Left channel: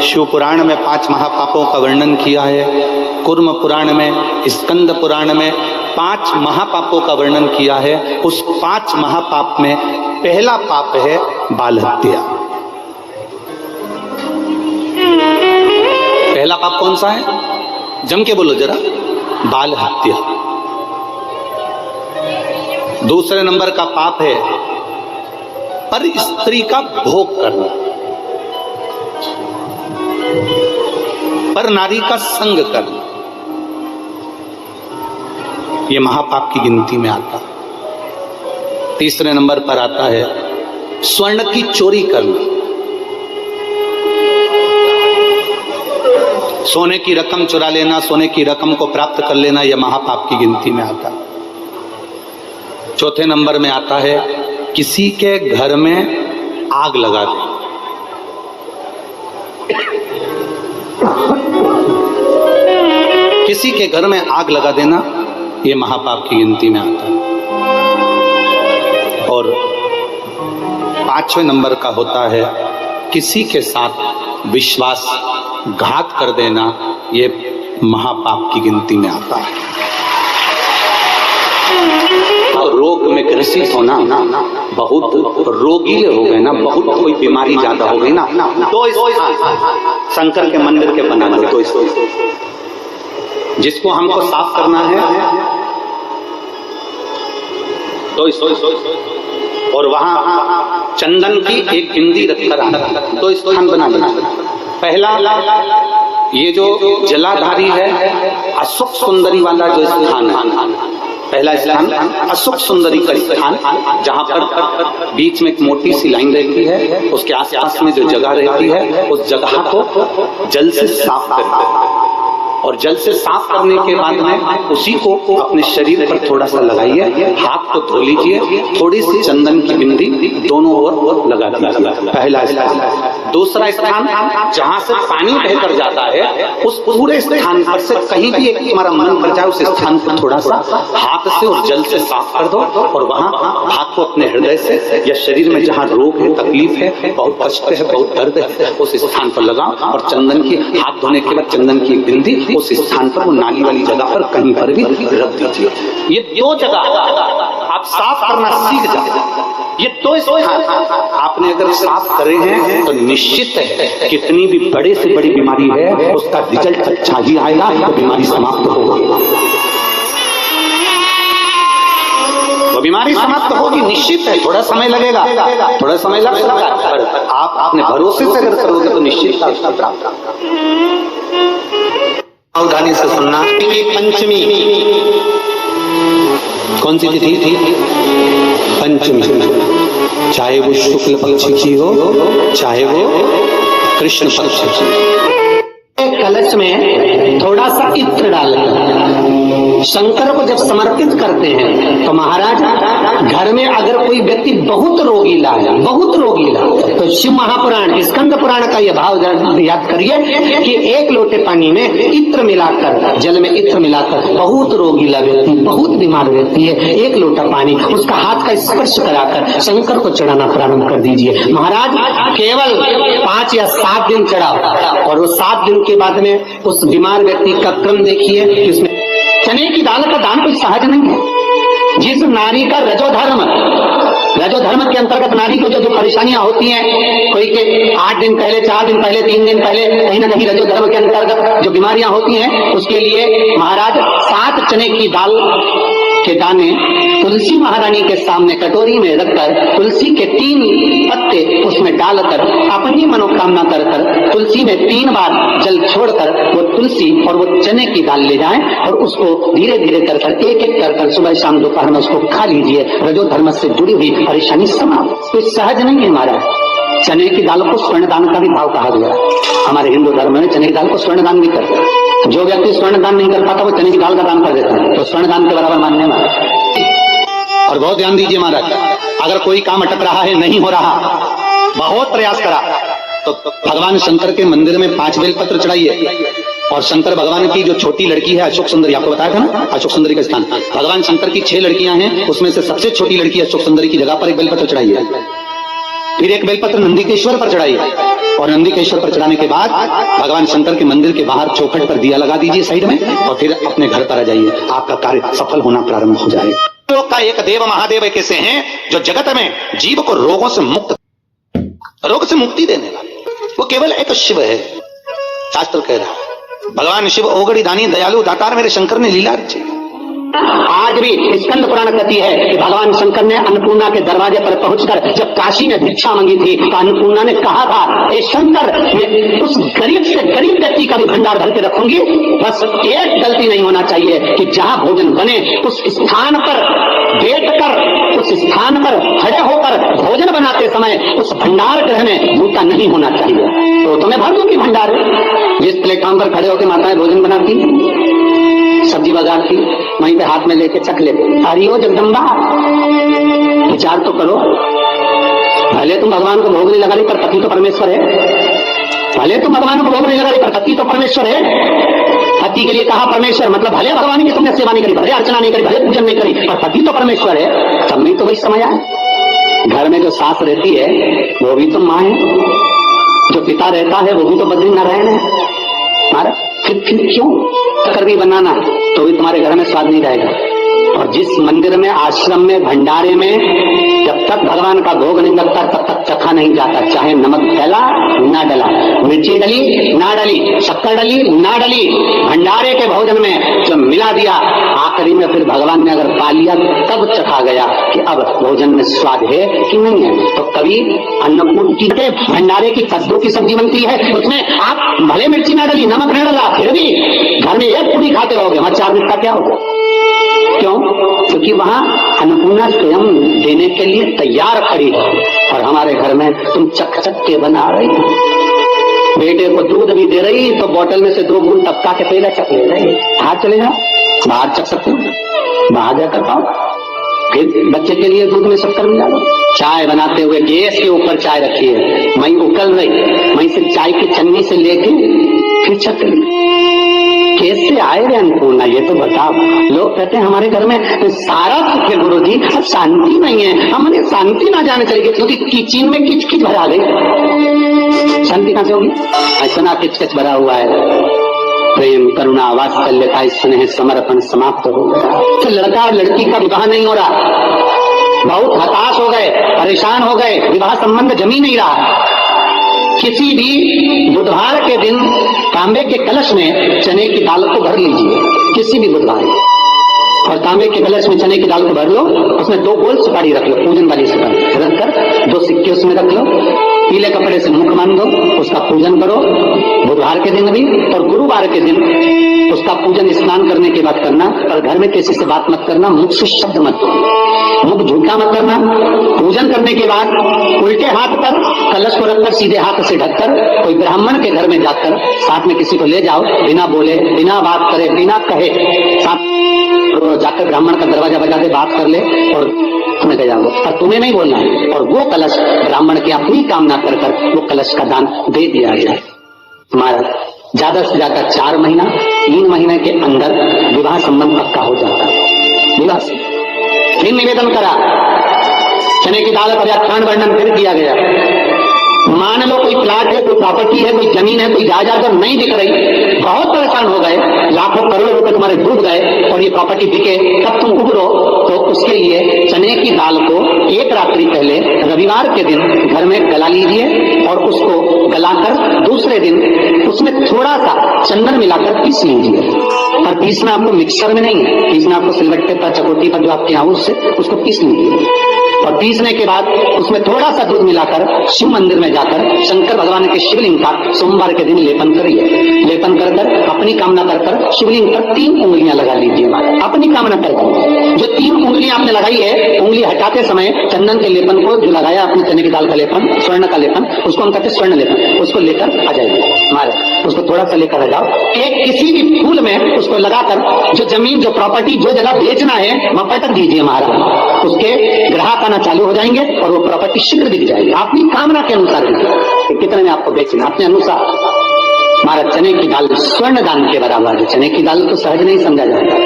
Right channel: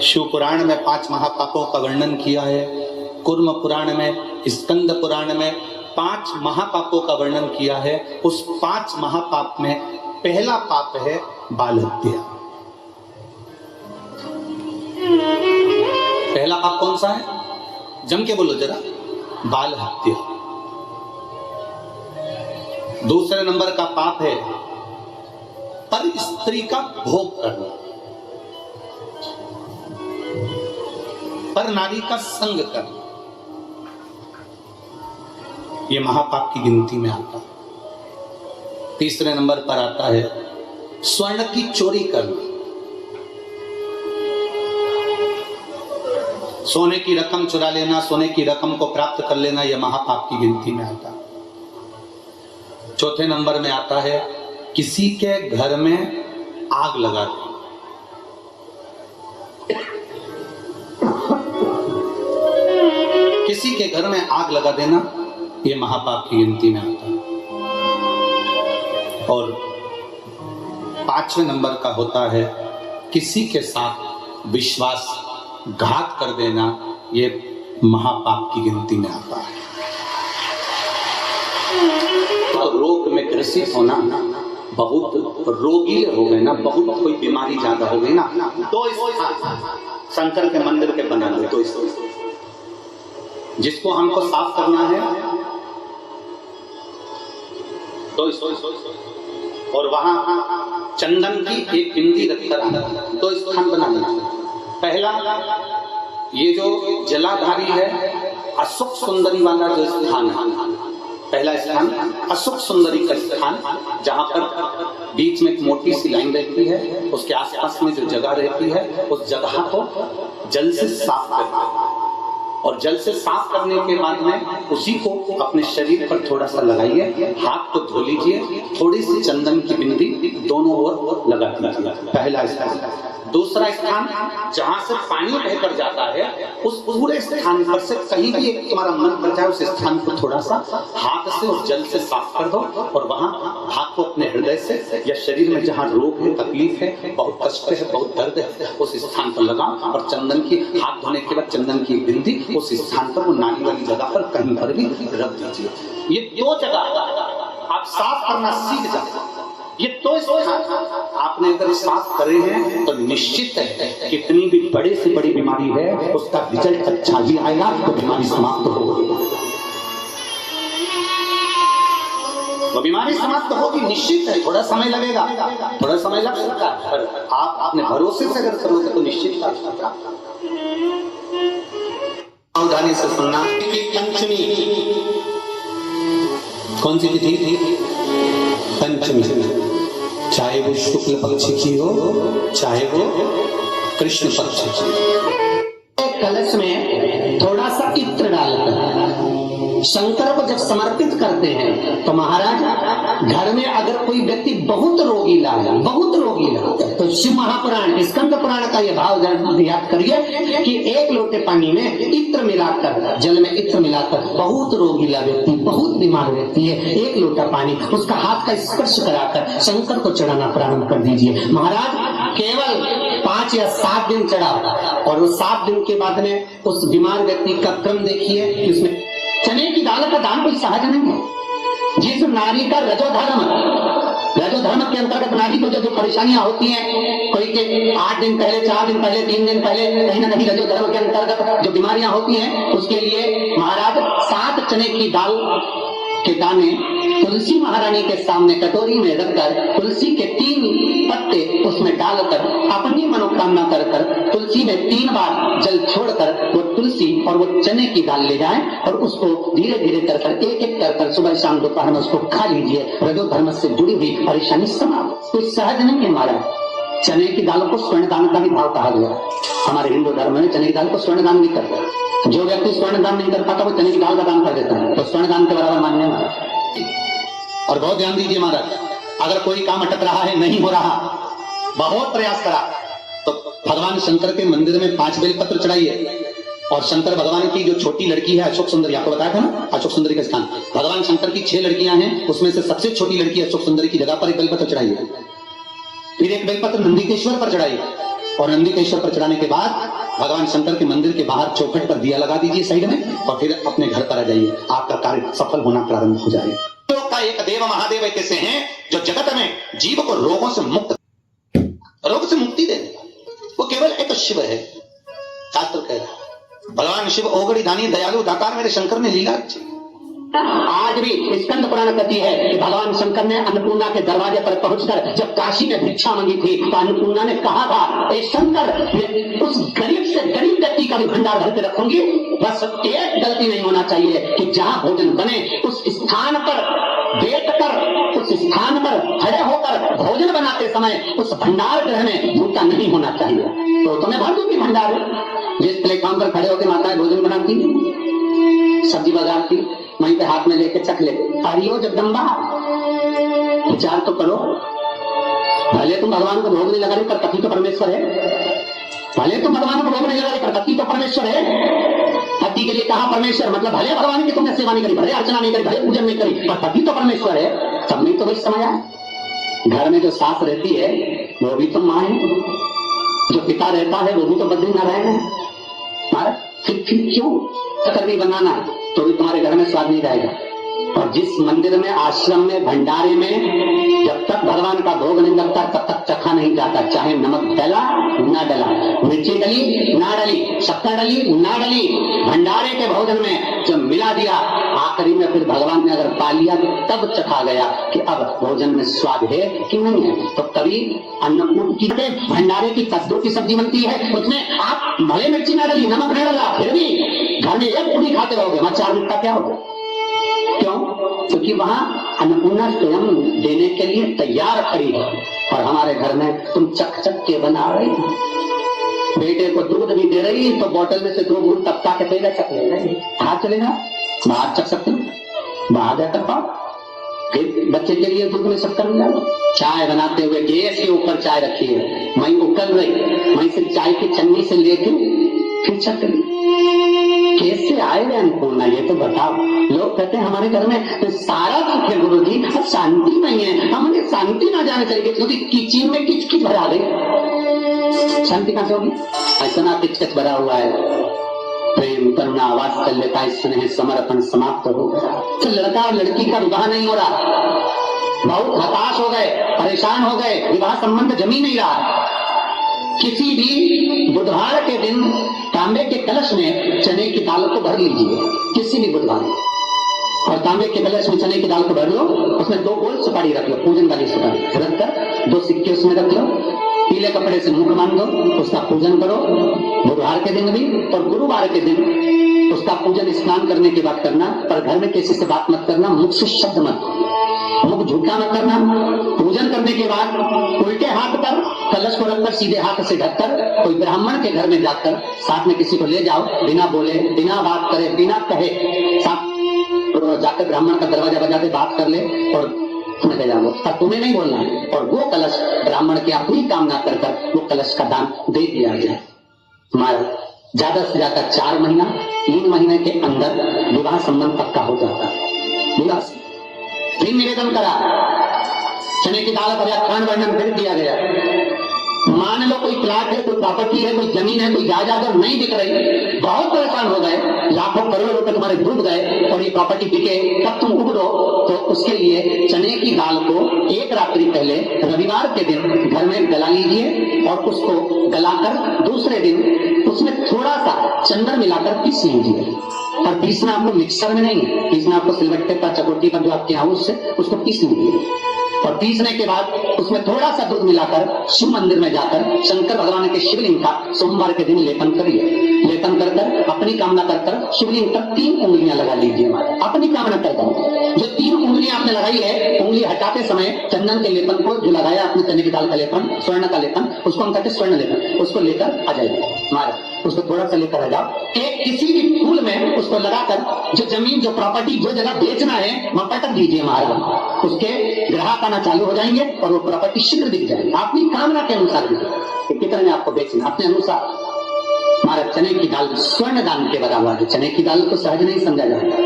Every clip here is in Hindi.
शिव पुराण में 5 महापापों का वर्णन किया है, कुर्म पुराण में, स्कंद पुराण में 5 महापापों का वर्णन किया है। उस 5 महापाप में पहला पाप है बाल हत्या। पहला पाप कौन सा है? जम के बोलो जरा, बाल हत्या। दूसरे नंबर का पाप है पर स्त्री का भोग करना, पर नारी का संग करना, यह महापाप की गिनती में आता है। तीसरे नंबर पर आता है स्वर्ण की चोरी करना, सोने की रकम चुरा लेना, सोने की रकम को प्राप्त कर लेना, यह महापाप की गिनती में आता है। चौथे नंबर में आता है किसी के घर में आग लगा दे। किसी के घर में आग लगा देना, यह महापाप की गिनती में आता है। और 5वें नंबर का होता है किसी के साथ विश्वासघात कर देना, यह महापाप की गिनती में आता है। तो रोग में ग्रसित होना, बहुत रोगीले हो गए ना, बहुत कोई बीमारी ज्यादा हो गई ना, तो शंकर के मंदिर के बना दो। तो इसको जिसको हमको साफ करना है तो और वहां चंदन की एक बिंदी रखकर तो इसको हम बना देना। पहला ये जो जलाधारी है, अशोक सुंदरी वाला जो स्थान है, पहला स्थान अशोक सुंदरी का स्थान, जहां पर बीच में एक मोटी सी लाइन रहती है, उसके आसपास में जो जगह रहती है उस जगह को जल से साफ करते हैं। और जल से साफ करने के बाद में उसी को अपने शरीर पर थोड़ा सा लगाइए, हाथ को धो लीजिए, थोड़ी सी चंदन की बिंदी दोनों ओर लगा दीजिए। पहला स्थान। दूसरा स्थान जहां से पानी बहकर जाता है, उस पूरे स्थान पर से कहीं भी एक हमारा मन कर जाए, उस स्थान को थोड़ा सा हाथ से और जल से साफ कर दो, और वहां हाथ को अपने हृदय से या शरीर में जहां रोग है, तकलीफ है, बहुत कष्ट है, बहुत दर्द है, उस स्थान पर लगाओ। और चंदन की हाथ धोने के बाद चंदन की बिंदी उस स्थान पर, वो नाली वाली जगह पर कहीं पर भी रख दीजिए। ये 2 जगह आप साफ करना सीख जाए। ये 2 स्थान आपने अगर साफ करे हैं तो निश्चित है कितनी भी बड़े से बड़ी बीमारी है उसका रिजल्ट अच्छा ही आएगा, तो बीमारी समाप्त होगी। वो बीमारी समाप्त होगी, निश्चित है। थोड़ा समय लगेगा, थोड़ा समय लगेगा, पर आप अपने भरोसे से अगर करोगे तो निश्चित उसका प्राप्त। सावधानी से सुनना। पंचमी कौन सी तिथि थी? पंचमी, चाहे वो शुक्ल पक्ष की हो, चाहे वो कृष्ण पक्ष की। कलश में थोड़ा सा इत्र डालकर शंकर को जब समर्पित करते हैं तो महाराज घर में अगर कोई व्यक्ति बहुत रोगीला है, बहुत रोगीला, तो शिव महापुराण स्कंद पुराण का यह भाव याद करिए कि 1 लोटे पानी में इत्र मिलाकर, जल में इत्र मिलाकर, बहुत रोगीला व्यक्ति, बहुत बीमार व्यक्ति है, 1 लोटा पानी उसका हाथ का स्पर्श कराकर शंकर को चढ़ाना प्रारंभ कर दीजिए। महाराज केवल 5 या 7 दिन चढ़ाओ, और वो 7 दिन के बाद में उस बीमार व्यक्ति का क्रम देखिए कि उसमें चने की दाल का दान कोई सहज नहीं है। जिस नारी का रजोधर्म के अंतर्गत नारी को जो परेशानियां होती हैं, कोई के 8 दिन पहले, 4 दिन पहले, 3 दिन पहले, कहीं ना कहीं रजोधर्म के अंतर्गत जो बीमारियां होती हैं, उसके लिए महाराज 7 चने की दाल के दाने तुलसी महारानी के सामने कटोरी में रखकर तुलसी के 3 पत्ते उसमें डालकर अपनी मनोकामना कर तुलसी में 3 बार जल छोड़कर वो तुलसी और वो चने की दाल ले जाएं, और उसको धीरे धीरे कर एक कर सुबह शाम दोपहर में उसको खा लीजिए। रजोधर्म से जुड़ी हुई परेशानी समाप्त। तो सहज नहीं है महाराज। चने की दाल को स्वर्ण दान का भी भाव कहा गया। हमारे हिंदू धर्म में चने की दाल को स्वर्ण दान भी करते हैं। जो व्यक्ति स्वर्ण दान नहीं कर पाता वो चने की दाल का दान कर देता है, तो स्वर्ण दान के बराबर मानने में। और बहुत ध्यान दीजिए महाराज, अगर कोई काम अटक रहा है, नहीं हो रहा, बहुत प्रयास करा, तो भगवान शंकर के मंदिर में 5 बेलपत्र चढ़ाइए। और शंकर भगवान की जो छोटी लड़की है अशोक सुंदरी, आपको बताया था ना अशोक सुंदरी का स्थान, भगवान शंकर की 6 लड़कियां हैं, उसमें से सबसे छोटी लड़की अशोक सुंदरी की जगह पर एक बेलपत्र चढ़ाइए। फिर एक बेलपत्र नंदीकेश्वर पर चढ़ाइए। और नंदिकेश्वर पर चढ़ाने के बाद भगवान शंकर के मंदिर के बाहर चौखट पर दिया लगा दीजिए साइड में, और फिर अपने घर पर आ जाइए, आपका कार्य सफल होना प्रारंभ हो जाएगा। लोक का एक देव महादेव एक ऐसे हैं जो जगत में जीव को रोगों से रोग से मुक्ति देने वाले, वो केवल एक शिव है। शास्त्र कह रहा है भगवान शिव ओगड़ी दानी दयालु दातार मेरे शंकर ने लीला रची। आज भी स्कंद पुराण कहती है कि भगवान शंकर ने अन्नपूर्णा के दरवाजे पर पहुंचकर जब काशी में भिक्षा मांगी थी तो अन्नपूर्णा ने कहा था, ए शंकर, मैं उस गरीब से गरीब व्यक्ति का भी भंडार भर के रखूंगी, बस एक गलती नहीं होना चाहिए कि जहां भोजन बने उस स्थान पर बैठकर, उस स्थान पर खड़े होकर भोजन बनाते समय उस भंडार ग्रह में जूता नहीं होना चाहिए। तो तुम्हें भर दूंगी भंडार। जिस प्लेटफॉर्म पर खड़े होकर माताएं भोजन बनाती, सब्जी बाजारती, वहीं पे हाथ में लेके चख ले, हरिओ जगदम्बा, विचार तो करो। भले तुम भगवान को भोग नहीं लगा रही पर पति तो परमेश्वर है। भले तुम भगवान को भोग नहीं लगा रही पर पति तो परमेश्वर है। पति के लिए कहा परमेश्वर, मतलब भले भगवान की तुमने सेवा नहीं करी, भले अर्चना नहीं करी, भले पूजन नहीं करी, पर पति तो परमेश्वर है। सब में तो वही समय है। घर में जो सास रहती है वो भी तो माँ है, जो पिता रहता है वो भी तो बद्रीनारायण है हमारा। फिर क्यों कर भी बनाना तो भी तुम्हारे घर में स्वाद नहीं रहेगा। और जिस मंदिर में, आश्रम में, भंडारे में जब तक भगवान का भोग नहीं लगता तब तक चखा नहीं जाता, चाहे नमक डला ना डला, मिर्ची डली ना डली, शक्कर डली ना डली, भंडारे के भोजन में जो मिला दिया आखिरी में फिर भगवान ने अगर पा लिया तब चखा गया कि अब भोजन में स्वाद है कि नहीं है। तो कभी अन्नपूर्ति के भंडारे की कद्दू की सब्जी बनती है, उसमें आप भले मिर्ची ना डली, नमक न डला, फिर भी घर में एक पूरी खाते रहोगे, वहां 4 दिन का क्या होगा? क्यों? क्योंकि वहां अन्नपूर्णा स्वयं देने के लिए तैयार खड़ी है। और हमारे घर में तुम चक चक के बना रही, बेटे को दूध भी दे रही तो बोतल में से 2 बूंद टपका के पहले चक ले रही। बाहर चले जाओ, बाहर चक सकते हो, बाहर जाकर पाओ, फिर बच्चे के लिए दूध में शक्कर मिला लो। चाय बनाते हुए गैस के ऊपर चाय रखी है, वहीं उकल रही, वहीं से चाय की चन्नी से लेके फिर चक ली। कैसे आए रे अन्नपूर्णा, ये तो बताओ। लोग कहते हैं हमारे घर में सारा सुख है गुरु जी, अब शांति नहीं है। हमने शांति ना जाने चाहिए क्योंकि किचन में किच किच भरा गई, शांति कहां से होगी? ऐसा किच किच भरा हुआ है। प्रेम, करुणा, वात्सल्यता, स्नेह, समर्पण समाप्त हो गया। तो लड़का और लड़की का विवाह नहीं हो रहा, बहुत हताश हो गए, परेशान हो गए, विवाह संबंध जमी नहीं रहा। किसी भी बुधवार के दिन तांबे के कलश में चने की दाल को भर लीजिए, किसी भी बुधवार, और तांबे के कलश में चने की दाल को भर लो, उसमें 2 गोल सुपारी रख लो, पूजन वाली सुपारी रखकर 2 सिक्के उसमें रख लो, पीले कपड़े से मुख बांध दो, उसका पूजन करो बुधवार के दिन भी, और गुरुवार के दिन उसका पूजन स्नान करने के बाद करना। और घर में किसी से बात मत करना, मुख से शब्द मत, मुख झूठा मत करना। पूजन करने के बाद उल्टे हाथ पर कलश को रखकर सीधे हाथ से ढककर कोई ब्राह्मण के घर में जाकर साथ में किसी को ले जाओ, बिना बोले, बिना बात करे, बिना कहे, साथ जाकर ब्राह्मण का दरवाजा बजा दे, बात कर ले और तुम्हें जाओ, और तुम्हें नहीं बोलना है। और वो कलश ब्राह्मण की अपनी कामना कर वो कलश का दान दे दिया जाए। हमारा ज्यादा से ज्यादा 4 महीना 3 महीने के अंदर विवाह संबंध पक्का हो जाता है। विवाह से फिर निवेदन करा, चने की दाल का व्याख्यान वर्णन फिर किया गया। मान लो कोई प्लाट है, कोई प्रॉपर्टी है, कोई जमीन है, कोई जायदाद नहीं दिख रही, बहुत परेशान हो गए, लाखों करोड़ों रुपए तुम्हारे डूब गए और ये प्रॉपर्टी बिके, तब तुम उबरो, तो उसके लिए चने की दाल को 1 रात्रि पहले रविवार के दिन घर में गला लीजिए और उसको गलाकर दूसरे दिन उसमें थोड़ा सा चंदन मिलाकर पीस लीजिए। और पीसना आपको मिक्सर में नहीं है, पीसना आपको सिलबट्टे पर, चकोटी पर जो आपके यहाँ उससे उसको पीस लीजिए। और पीसने के बाद उसमें थोड़ा सा दूध मिलाकर शिव मंदिर में जाकर शंकर भगवान के शिवलिंग का सोमवार के दिन लेपन करिए। लेपन कर अपनी कामना कर शिवलिंग पर 3 उंगलियां लगा लीजिए, अपनी कामना कर। जो 3 उंगलियां आपने लगाई है, उंगली हटाते समय चंदन के लेपन को जो लगाया अपने चने की दाल का लेपन, स्वर्ण का लेपन, उसको हम कहते स्वर्ण लेपन, उसको लेकर आ जाइए हमारे, उसको थोड़ा सा लेकर आ जाओ। एक किसी भी फूल में उसको लगाकर जो जमीन, जो प्रॉपर्टी, जो जगह बेचना है वहां पटक दीजिए महाराज, उसके ग्राहक आना चालू हो जाएंगे और वो प्रॉपर्टी शीघ्र दिख जाएगी। अपनी कामना के अनुसार कितने में आपको बेचना, अपने अनुसार। हमारा चने की दाल स्वर्ण दान के बराबर है। चने की दाल तो सहज नहीं समझा जाता,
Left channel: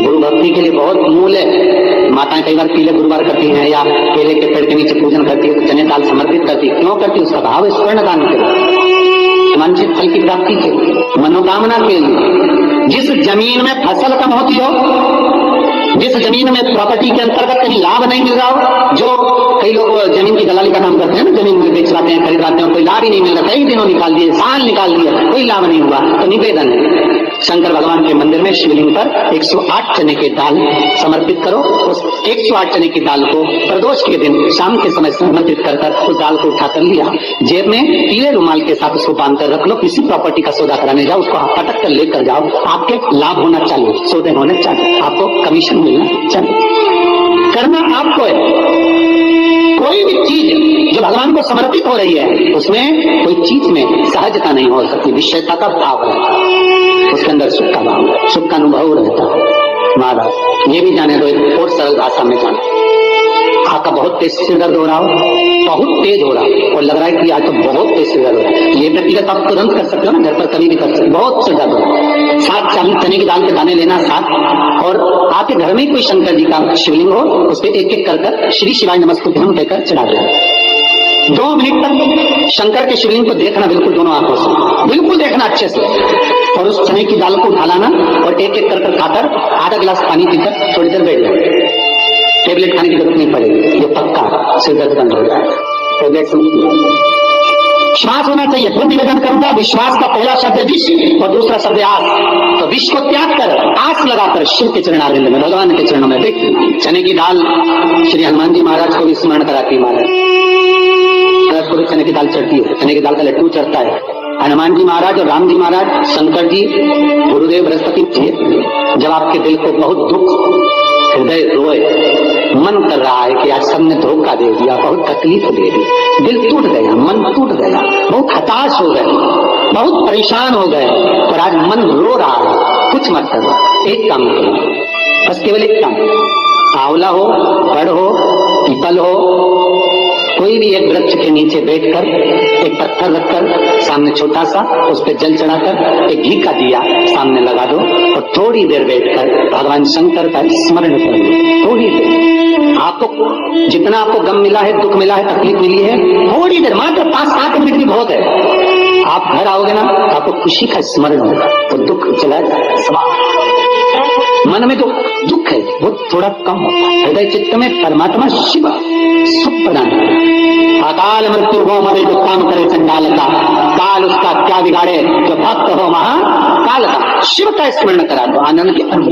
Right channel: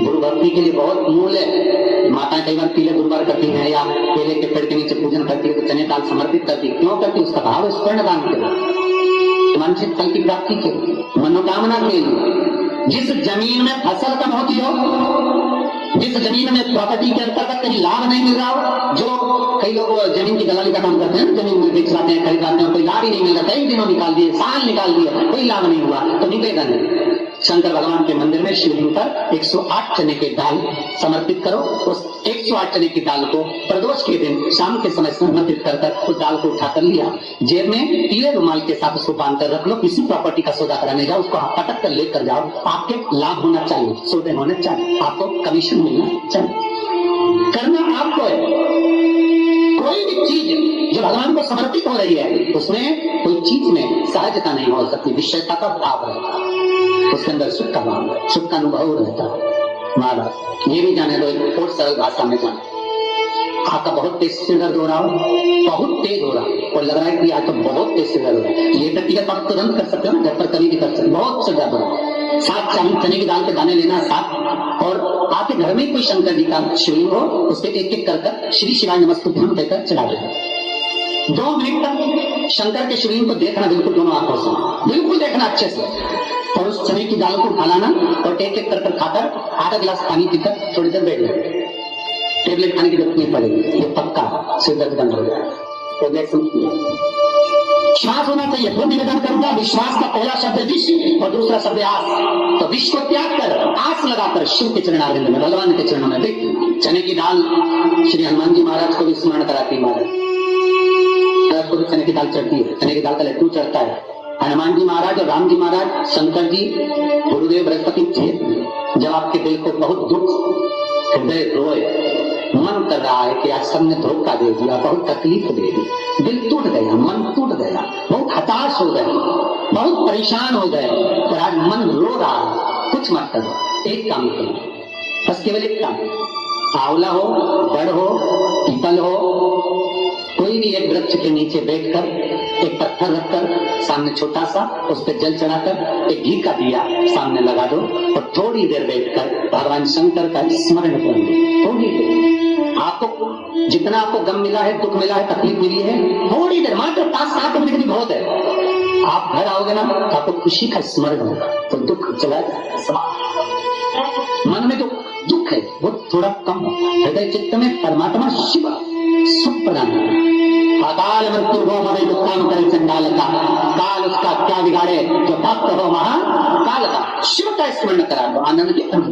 गुरु भक्ति के लिए बहुत मूल्य है। माताएं कई बार पीले गुरुवार करती हैं या केले के पेड़ के नीचे पूजन करती है, तो चने दाल समर्पित करती है। क्यों करती है? उसका भाव है स्वर्ण दान के लिए, वांछित फल की प्राप्ति के लिए, मनोकामना के लिए। जिस जमीन में फसल कम होती हो, जिस जमीन में प्रॉपर्टी के अंतर्गत कहीं लाभ नहीं मिल रहा हो, जो कई लोग जमीन की दलाली का काम करते हैं ना, जमीन में बेच लाते हैं, खरीद लाते हैं, कोई लाभ ही नहीं मिल रहा, कई दिनों निकाल दिए, साल निकाल दिया, कोई लाभ नहीं हुआ, तो निवेदन है शंकर भगवान के मंदिर में शिवलिंग पर 108 चने के दाल समर्पित करो। उस 108 चने की दाल को प्रदोष के दिन शाम के समय समर्पित कर उस दाल को उठाकर लिया, जेब में पीले रुमाल के साथ उसको बांध कर रख लो। किसी प्रॉपर्टी का सौदा कराने जाओ, उसको पटक कर लेकर जाओ, आपके लाभ होना चाहिए, सौदे होने चाहिए, आपको कमीशन मिलना चाहिए। करना आपको है। कोई भी चीज जो भगवान को समर्पित हो रही है, उसमें कोई चीज में सहजता नहीं हो सकती, विषयता का भाव रहता है, उसके अंदर सुख का भाव, सुख का अनुभव रहता है। महाराज ये भी जाने दो, एक और सरल भाषा में जाने, आपका बहुत तेज सिर दर्द हो रहा हो, बहुत तेज हो रहा हो और लग रहा है कि आज तो बहुत तेज सिर दर्द हो रहा है, ये व्यक्तिगत आप तुरंत कर सकते हो ना, घर पर कभी भी कर सकते हो। बहुत सिर दर्द हो रहा है, 7 चने की दाल के दाने लेना 7, और आपके घर में कोई शंकर जी का शिवलिंग हो, उस पर एक एक कर श्री शिवाय नमस्तुभ्यम कहकर चढ़ा देना। 2 मिनट तक शंकर के शिवलिंग को देखना, बिल्कुल दोनों आंखों से, बिल्कुल देखना अच्छे से, और उस चने की दाल को उठा लाना और एक एक कर खाकर आधा गिलास पानी पीकर थोड़ी देर बैठ जाए। टेबलेट खाने की जरूरत नहीं पड़ेगी, ये पक्का सिर दर्द बंद हो जाएगा। टेबलेट श्वास होना चाहिए। फिर निवेदन करूंगा, विश्वास का पहला शब्द विश्व और दूसरा शब्द आस। तो विश्व को त्याग कर आस लगाकर शिव के चरणारिंद में, भगवान के चरणों में देख। चने की दाल श्री हनुमान जी महाराज को भी स्मरण कराती है, महाराज को भी चने की दाल चढ़ती है, चने की दाल का लड्डू चढ़ता है। हनुमान जी महाराज और राम जी महाराज, शंकर जी, गुरुदेव बृहस्पति जी, जब आपके दिल को बहुत दुख, हृदय रोए, मन कर रहा है कि आज सबने धोखा दे दिया, बहुत तकलीफ दे दी, दिल टूट गया, मन टूट गया, बहुत हताश हो गए, बहुत परेशान हो गए, और आज मन रो रहा है, कुछ मत करो, एक काम करो, बस केवल एक काम, आंवला हो, बड़ हो, पीपल हो, कोई भी एक वृक्ष के नीचे बैठकर एक पत्थर रखकर सामने छोटा सा, उस पर जल चढ़ाकर एक घी का दिया सामने लगा दो और थोड़ी देर बैठकर भगवान शंकर का स्मरण करो। थोड़ी देर, आपको जितना आपको गम मिला है, दुख मिला है, तकलीफ मिली है, थोड़ी देर, मात्र 5-7 मिनट भी बहुत है। आप घर आओगे ना तो आपको खुशी का स्मरण होगा, तो दुख चला जाएगा। मन में तो दुख है वो थोड़ा कम होता है, हृदय चित्त में परमात्मा शिव सुख प्रदान करे। अकाल मृत्यु हो मरे जो काम करे चंडाल का, काल उसका क्या बिगाड़े जो भक्त हो महा काल का। शिव का स्मरण करा दो, आनंद की अनुभूति